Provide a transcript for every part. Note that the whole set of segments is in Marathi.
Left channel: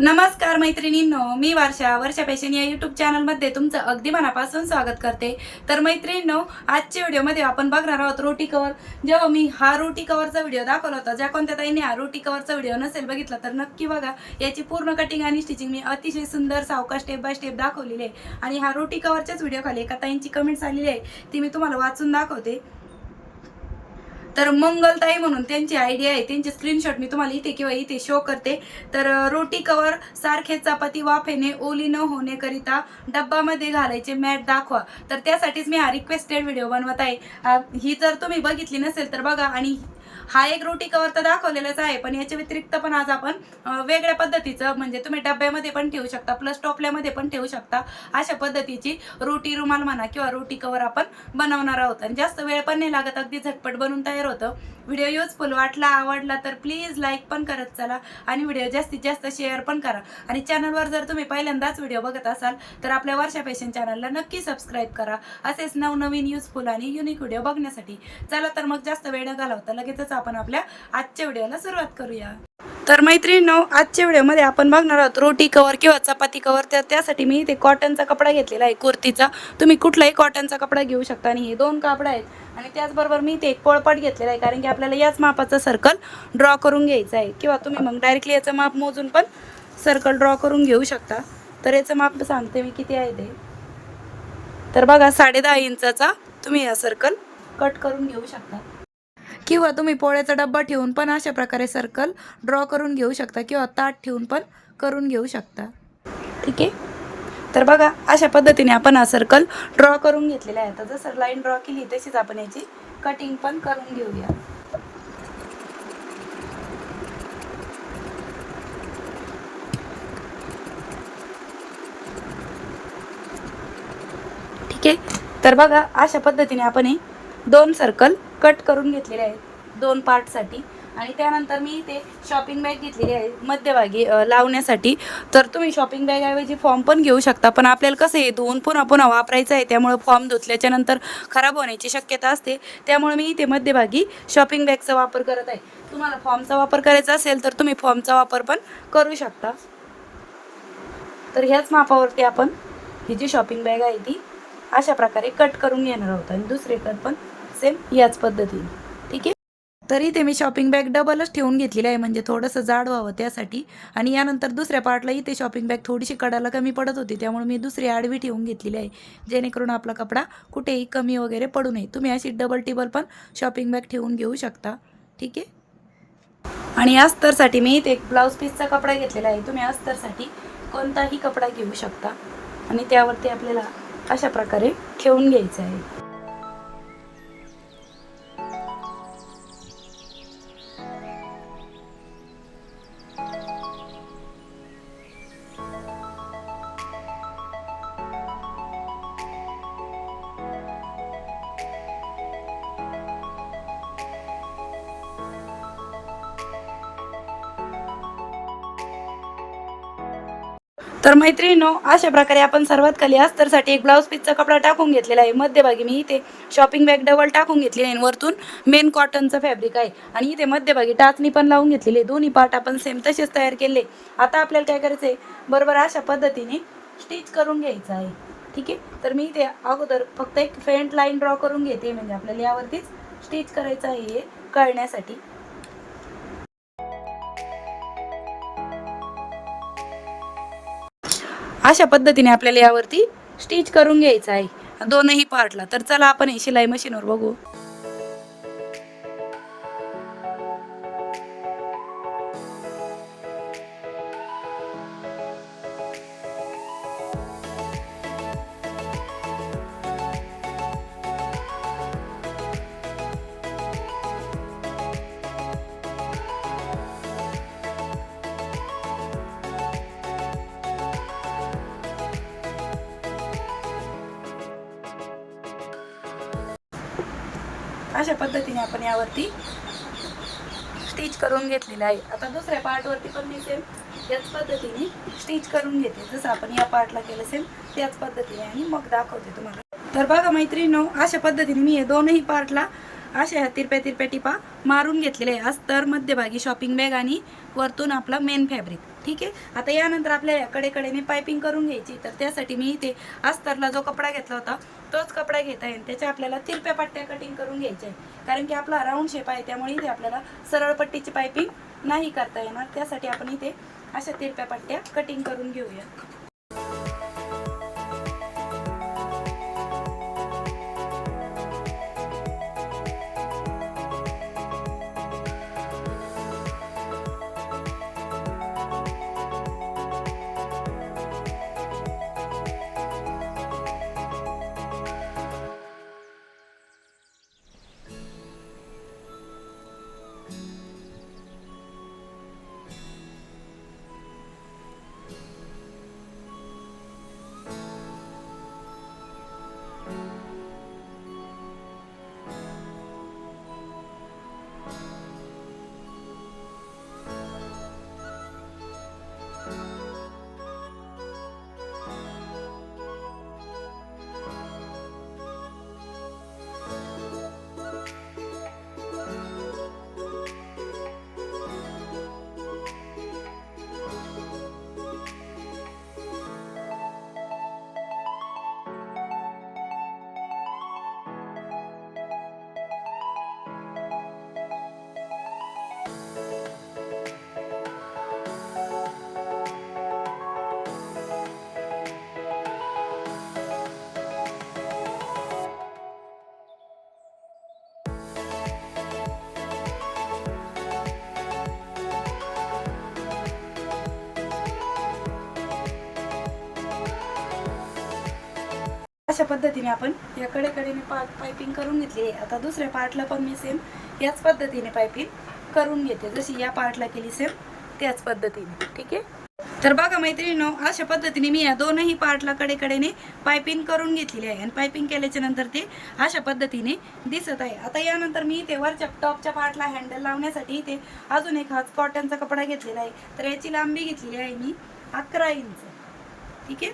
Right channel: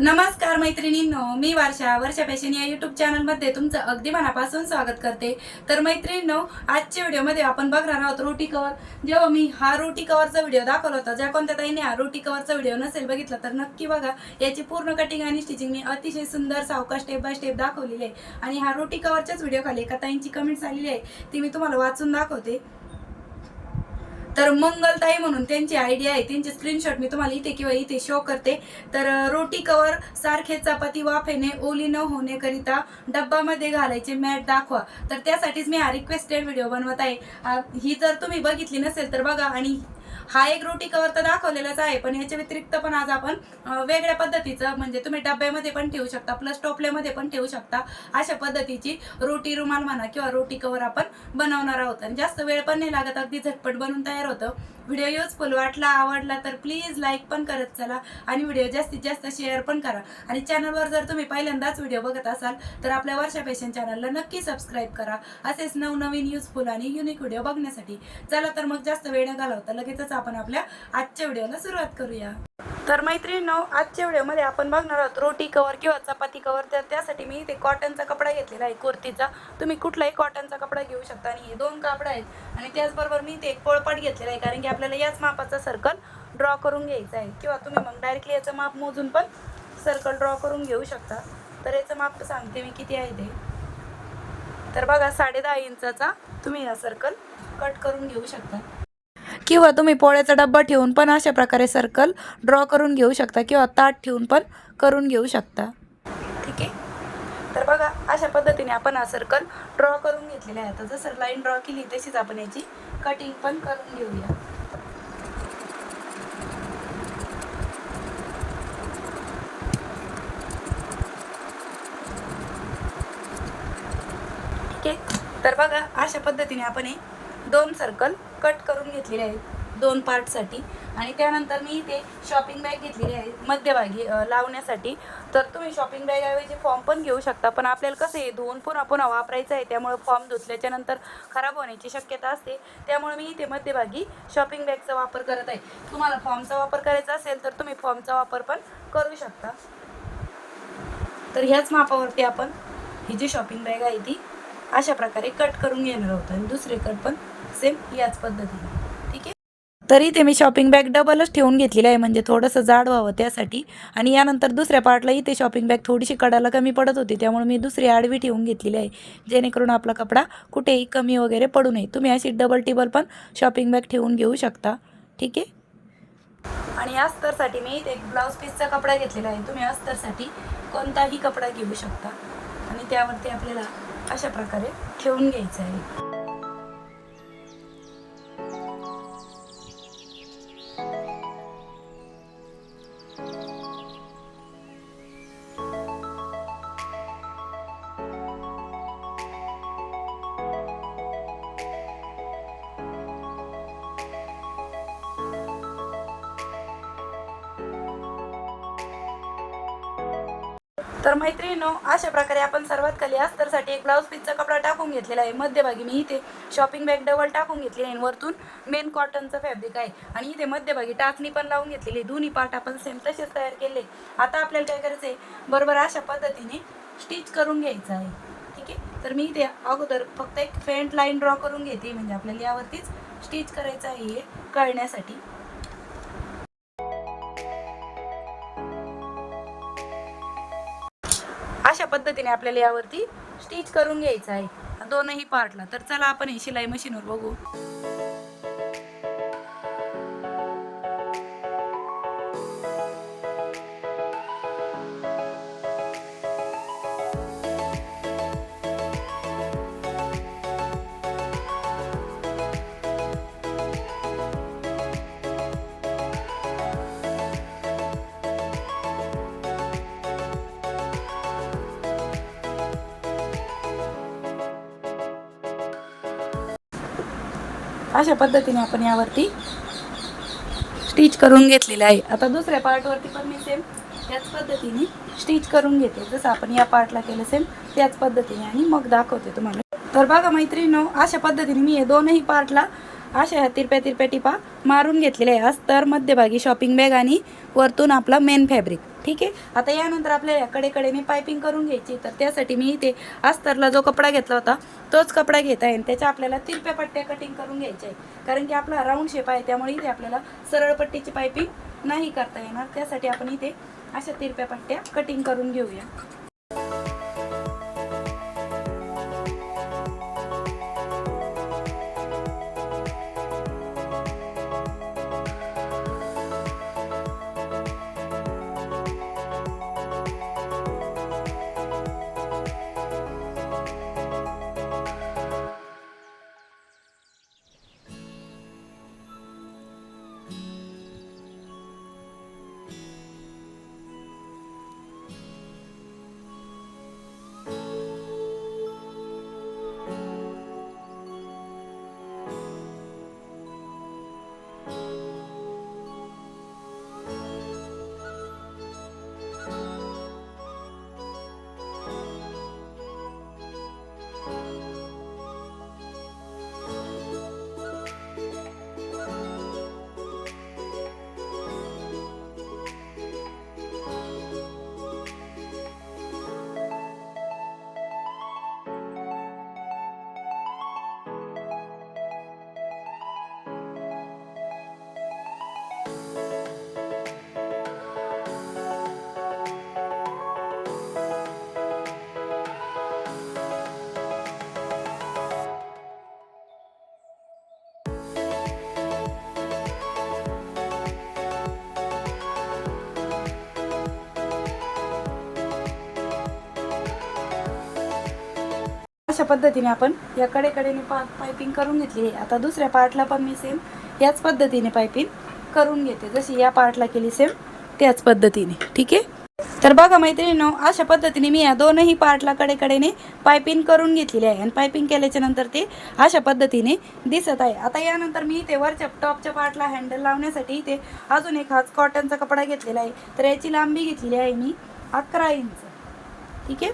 नमस्कार मैत्रिणींनो मी वर्षा. वर्षा फॅशन या युट्यूब चॅनलमध्ये तुमचं अगदी मनापासून स्वागत करते. तर मैत्रिणींनो आजच्या व्हिडिओमध्ये आपण बघणार आहोत रोटी कवर जेव्हा मी हा रोटी कवरचा व्हिडिओ दाखवला होता ज्या कोणत्या ताईने हा रोटी कवरचा व्हिडिओ नसेल बघितला तर नक्की बघा. याची पूर्ण कटिंग आणि स्टिचिंग मी अतिशय सुंदर सावका स्टेप बाय स्टेप दाखवलेली आहे. आणि हा रोटी कवरच्याच व्हिडिओ खाली एका ताईंची कमेंट्स आलेली आहे ती मी तुम्हाला वाचून दाखवते. तर मंगलताई म्हणून त्यांची आयडिया आहे त्यांचे स्क्रीनशॉट मी तुम्हाला इथे किंवा इथे शो करते. तर रोटी कवर सारखे चपाती वाफेने ओली न होण्याकरिता डब्बामध्ये घालायचे मॅट दाखवा. तर त्यासाठीच मी हा रिक्वेस्टेड व्हिडिओ बनवत आहे. ही जर तुम्ही बघितली नसेल तर बघा आणि हा एक रोटी कवर तर दाखवलेलाच आहे पण याच्या व्यतिरिक्त पण आज आपण वेगळ्या पद्धतीचं म्हणजे तुम्ही डब्यामध्ये पण ठेवू शकता प्लस टोपल्यामध्ये पण ठेवू शकता अशा पद्धतीची रोटी रुमाल म्हणा किंवा रोटी कवर आपण बनवणार आहोत. आणि जास्त वेळ पण नाही लागत अगदी झटपट बनवून तयार होतं. व्हिडिओ युजफुल वाटला आवडला तर प्लीज लाईक पण करत चला आणि व्हिडिओ जास्तीत जास्त शेअर पण करा. आणि चॅनलवर जर तुम्ही पहिल्यांदाच व्हिडिओ बघत असाल तर आपल्या वर्षा फॅशन चॅनलला नक्की सबस्क्राईब करा. असेच नवनवीन युजफुल आणि युनिक व्हिडिओ बघण्यासाठी. चला तर मग जास्त वेळ न घालवता लगेचच आपण आपल्या आजच्या व्हिडिओला सुरुवात करूया. तर मैत्रिणींनो आजच्या व्हिडिओमध्ये आपण बघणार आहोत रोटी कवर किंवा चपाती कवर तर त्यासाठी मी इथे कॉटनचा कपडा घेतलेला आहे कुर्तीचा. तुम्ही कुठलाही कॉटनचा कपडा घेऊ शकता आणि हे दोन कापड आहेत. आणि त्याचबरोबर मी ते एक पोळपाट घेतलेला आहे कारण की आपल्याला याच मापाचं सर्कल ड्रॉ करून घ्यायचं आहे. किंवा तुम्ही मग डायरेक्टली याचं माप मोजून पण सर्कल ड्रॉ करून घेऊ शकता. तर याचं माप सांगते मी किती आहे ते. तर बघा साडे दहा इंचाचा तुम्ही हा सर्कल कट करून घेऊ शकता. किंवा तुम्ही पोळ्याचा डब्बा ठेवून पण अशा प्रकारे सर्कल ड्रॉ करून घेऊ शकता किंवा ताट ठेवून पण करून घेऊ शकता. ठीक आहे? तर बघा अशा पद्धतीने आपण हा सर्कल ड्रॉ करून घेतलेला आहे. आता जसं लाईन ड्रॉ केली तशीच आपण याची कटिंग पण करून घेऊया. ठीक आहे? तर बघा अशा पद्धतीने आपण हे दोन सर्कल कट करून घेतलेले आहेत. दोन पार्टसाठी आणि त्यानंतर मी इथे शॉपिंग बॅग घेतलेली आहे मध्यभागी लावण्यासाठी. तर तुम्ही शॉपिंग बॅग ऐवजी फॉर्म पण घेऊ शकता पण आपल्याला कसं आहे धुवून पुन्हा पुन्हा वापरायचं आहे त्यामुळे फॉर्म धुतल्याच्या नंतर खराब होण्याची शक्यता असते. त्यामुळे मी इथे मध्यभागी शॉपिंग बॅगचा वापर करत आहे. तुम्हाला फॉर्मचा वापर करायचा असेल तर तुम्ही फॉर्मचा वापर पण करू शकता. तर ह्याच मापावरती आपण ही जी शॉपिंग बॅग आहे ती अशा प्रकारे कट करून घेणार आहोत. आणि दुसरे कट पण सेम याच पद्धतीने. तरी ते मी शॉपिंग बॅग डबलच ठेवून घेतलेली आहे. म्हणजे थोडंसं जाड व्हावं त्यासाठी. आणि यानंतर दुसऱ्या पार्टलाही ते शॉपिंग बॅग थोडीशी कडाला कमी पडत होती. त्यामुळे मी दुसरी आडवी ठेवून घेतलेली आहे. जेणेकरून आपला कपडा कुठेही कमी वगैरे पडू नये. तुम्ही अशी डबल टेबल पण शॉपिंग बॅग ठेवून घेऊ शकता. ठीक आहे? आणि अस्तरसाठी मी एक ब्लाऊज पीसचा कपडा घेतलेला आहे. तुम्ही अस्तरसाठी कोणताही कपडा घेऊ शकता. आणि त्यावरती आपल्याला अशा प्रकारे ठेवून घ्यायचं आहे. तर मैत्रिणीनो अशा प्रकारे आपण सर्वात खाली अस्तरसाठी एक ब्लाऊज पीसचा कपडा टाकून घेतलेला आहे. मध्यभागी मी इथे शॉपिंग बॅग डबल टाकून घेतलेली आहे. आणि वरतून मेन कॉटनचं फॅब्रिक आहे. आणि इथे मध्यभागी टाचणी पण लावून घेतलेली आहे. दोन्ही पार्ट आपण सेम तसेच तयार केले. आता आपल्याला काय करायचं आहे बरोबर अशा पद्धतीने स्टिच करून घ्यायचं आहे. ठीक आहे? तर मी इथे अगोदर फक्त एक फ्रंट लाईन ड्रॉ करून घेते. म्हणजे आपल्याला यावरतीच स्टिच करायचं आहे हे कळण्यासाठी. अशा पद्धतीने आपल्याला यावरती स्टिच करून घ्यायचं आहे. दोनही पार्टला तर चला आपण हे शिलाई मशीनवर बघू. अशा पद्धतीने आपण यावरती स्टिच करून घेतलेलं आहे. आता दुसऱ्या पार्टवरती पण मी सेम त्याच पद्धतीने स्टिच करून घेते. जसं आपण या पार्टला केलं सेम त्याच पद्धतीने आणि मग दाखवते तुम्हाला. तर बघा मैत्रिणीनो अशा पद्धतीने मी हे दोनही पार्टला अशा ह्या तिरप्या तिरप्या टिपा मारून घेतलेल्या आहे. आज तर मध्यभागी शॉपिंग बॅग आणि वरतून आपला मेन फॅब्रिक ठीक आहे? आता यानंतर आपल्याला कडेकडेने पायपिंग करून घ्यायची तर त्यासाठी मी इथे अस्तरला जो कपडा घेतला होता तोच कपडा घेत आहे. आणि त्याच्या आपल्याला तिरप्या पट्ट्या कटिंग करून घ्यायच्या आहे कारण की आपला राऊंड शेप आहे त्यामुळे इथे आपल्याला सरळ पट्टीची पायपिंग नाही करता येणार. त्यासाठी आपण इथे अशा तिरप्या पट्ट्या कटिंग करून घेऊया. अशा पद्धतीने आपण या कडेकडेने पा पायपिंग करून घेतली आहे. आता दुसऱ्या पार्टला पण मी सेम याच पद्धतीने पायपिंग करून घेते. जशी या पार्टला केली सेम त्याच पद्धतीने. ठीक आहे? तर बघा मैत्रिणीनो अशा पद्धतीने मी या दोनही पार्टला कडेकडेने पायपिंग करून घेतलेली आहे. आणि पायपिंग केल्याच्यानंतर ते अशा पद्धतीने दिसत आहे. आता यानंतर मी इथे वरच्या टॉपच्या पार्टला हँडल लावण्यासाठी इथे अजून एक हाच कॉटनचा कपडा घेतलेला आहे. तर याची लांबी घेतलेली आहे मी अकरा इंच ठीक आहे?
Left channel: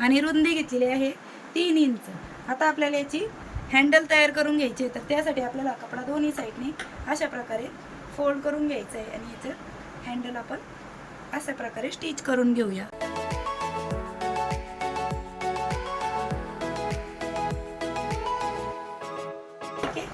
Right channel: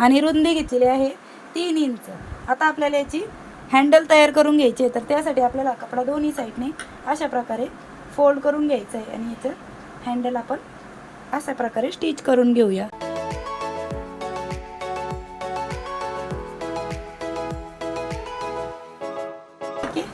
आणि रुंदी घेतलेली आहे तीन इंच. आता आपल्याला याची हँडल तयार करून घ्यायची आहे तर त्यासाठी आपल्याला कपडा दोन्ही साईडने अशा प्रकारे फोल्ड करून घ्यायचं आहे आणि याचं हँडल आपण अशा प्रकारे स्टिच करून घेऊया. ठीक आहे?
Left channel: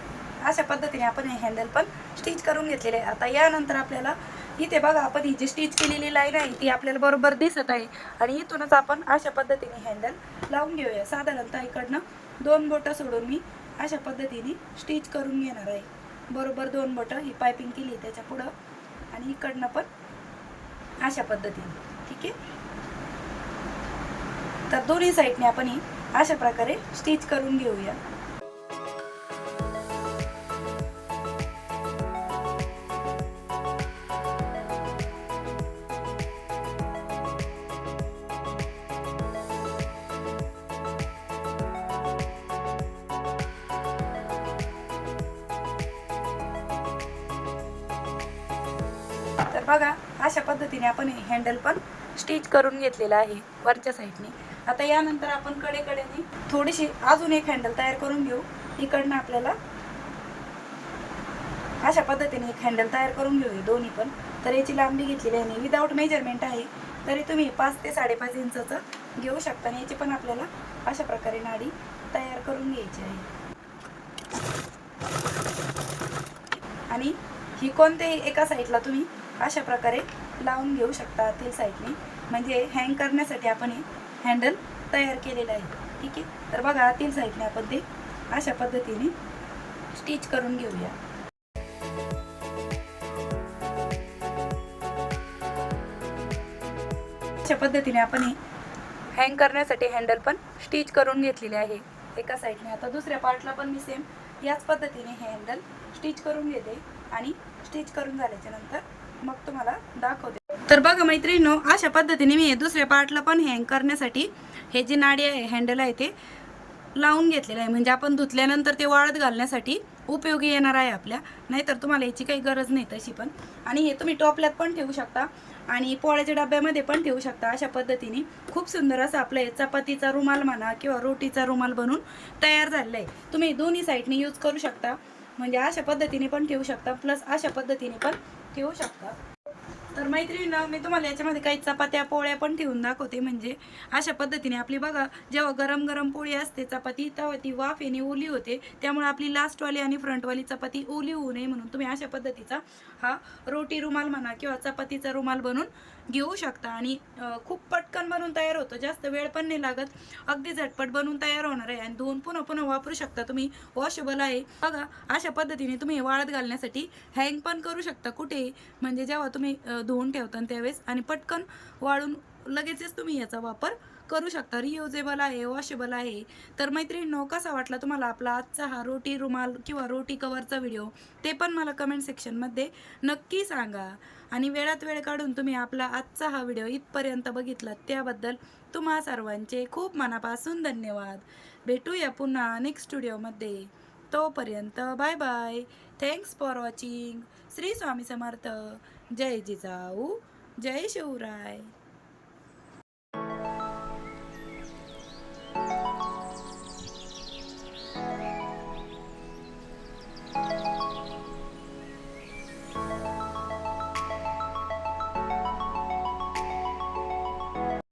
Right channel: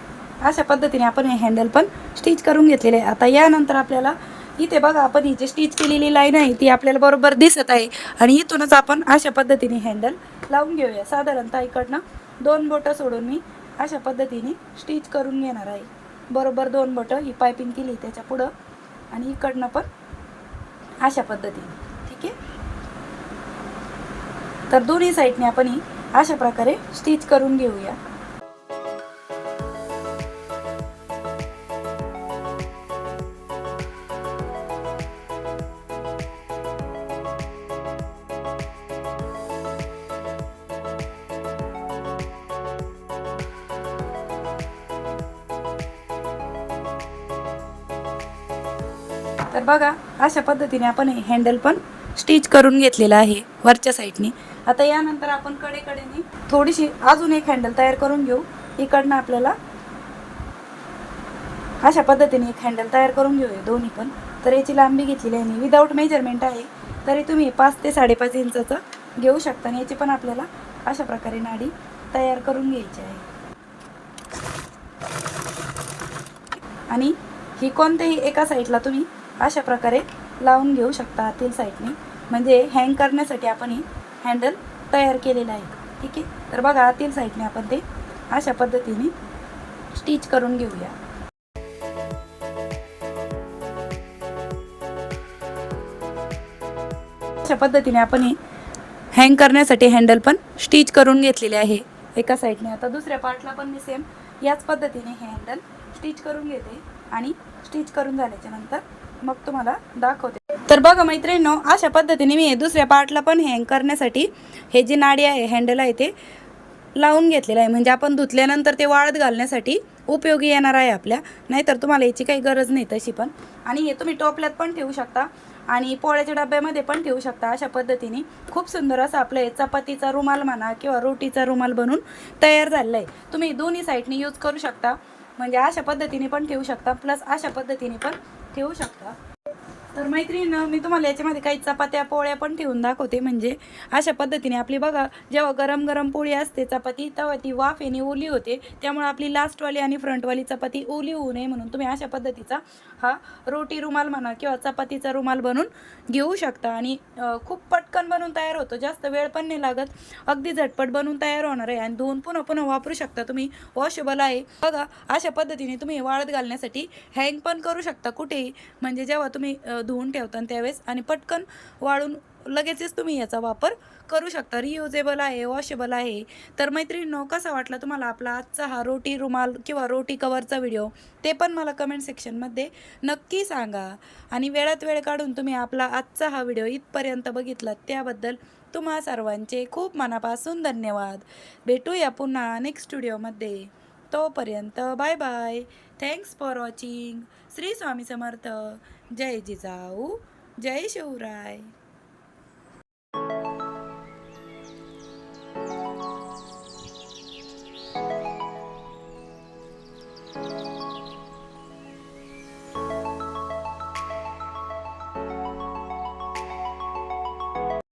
अशा पद्धतीने आपण हे हँडल पण स्टिच करून घेतलेले आहे. आता यानंतर आपल्याला इथे बघा आपण ही जी स्टिच केलेली लाईन आहे ती आपल्याला बरोबर दिसत आहे. आणि इथूनच आपण अशा पद्धतीने हँडल लावून घेऊया. साधारणतः इकडनं दोन बोटं सोडून मी अशा पद्धतीने स्टिच करून घेणार आहे. बरोबर दोन बोटं ही पायपिंग केली त्याच्या पुढं. आणि इकडनं पण अशा पद्धतीने. ठीक आहे? तर दोन्ही साईडने आपण ही अशा प्रकारे स्टिच करून घेऊया. तर बघा अशा पद्धतीने आपण हे हँडल पण स्टिच करून घेतलेलं आहे वरच्या साईडने आता यानंतर आपण कडेकडेने थोडीशी अजून एक हँडल तयार करून घेऊ. इकडनं आपल्याला अशा पद्धतीने एक हँडल तयार करून घेऊया दोन्ही पण. तर याची लांबी घेतलेली आहे विदाऊट मेजरमेंट आहे तरी तुम्ही पाच ते साडेपाच इंचचं घेऊ शकता आणि याची पण आपल्याला अशा प्रकारे नाडी तयार करून घ्यायची आहे. आणि ही कोणत्याही एका साईडला तुम्ही अशा प्रकारे लावून घेऊ शकता आतील साईडने म्हणजे हँग करण्यासाठी आपण हे हँडल तयार केलेलं आहे. ठीक आहे? तर बघा आतील साईडने आपण ते अशा पद्धतीने स्टिच करून घेऊया. अशा पद्धतीने आपण हे हँग करण्यासाठी हँडल पण स्टिच करून घेतलेले आहे. एका साईडने आता दुसऱ्या पार्टला पण मी सेम याच पद्धतीने हे हँडल स्टिच करून घेते आणि स्टिच करून झाल्याच्यानंतर मग तुम्हाला दाखवते. तर बघा मैत्रिणीनो अशा पद्धतीने मी हे दुसऱ्या पार्टला पण हँग करण्यासाठी हे जी नाडी आहे हँडल आहे ते लावून घेतलेलं आहे. म्हणजे आपण धुतल्यानंतर ते वाळत घालण्यासाठी उपयोगी येणार आहे आपल्या. नाहीतर तुम्हाला याची काही गरज नाही तशी पण. आणि हे तुम्ही टोपल्यात पण ठेवू शकता. आणि पोळ्याच्या डब्यामध्ये पण ठेवू शकता. अशा पद्धतीने खूप सुंदर असं आपलं हे चपातीचा रुमाल म्हणा किंवा रोटीचा रुमाल बनून तयार झालेला आहे. तुम्ही दोन्ही साईडने यूज करू शकता. म्हणजे अशा पद्धतीने पण ठेवू शकता. प्लस अशा पद्धतीने पण ठेवू शकता. तर मैत्रीण मी तुम्हाला याच्यामध्ये काही चपात्या पोळ्या पण ठेवून दाखवते. म्हणजे अशा पद्धतीने आपली बघा जेव्हा गरम गरम पोळी असते चपाती तेव्हा ती वाफ येणे ओली होते. त्यामुळे आपली लास्टवाली आणि फ्रंटवाली चपाती ओली होऊ नये म्हणून तुम्ही अशा पद्धतीचा हा रोटी रुमाल म्हणा किंवा चपातीचा रुमाल बनवून घेऊ शकता. आणि खूप पटकन बनवून तयार होतो. जास्त वेळ पण नाही लागत. अगदी झटपट बनवून तयार होणार आहे. आणि धुवून पुन्हा पुन्हा वापरू शकता. तुम्ही वॉशेबल आहे. बघा अशा पद्धतीने तुम्ही वाळत घालण्यासाठी हँग पण करू शकता. कुठेही. म्हणजे जेव्हा तुम्ही धुवून ठेवता त्यावेळेस आणि पटकन वाळून लगेचच तुम्ही याचा वापर करू शकता. रियुजेबल आहे वॉशेबल आहे. तर मैत्रिणींनो कसा वाटला तुम्हाला आपला आजचा हा रोटी रुमाल किंवा रोटी कवरचा व्हिडिओ ते पण मला कमेंट सेक्शनमध्ये नक्की सांगा. आणि वेळात वेळ काढून तुम्ही आपला आजचा हा व्हिडिओ इथपर्यंत बघितला त्याबद्दल तुम्हा सर्वांचे खूप मनापासून धन्यवाद. भेटूया पुन्हा नेक्स्ट व्हिडिओमध्ये तोपर्यंत bye bye thanks for watching Shri Swami Samarth. जय जिजाऊ. जय शिवराय.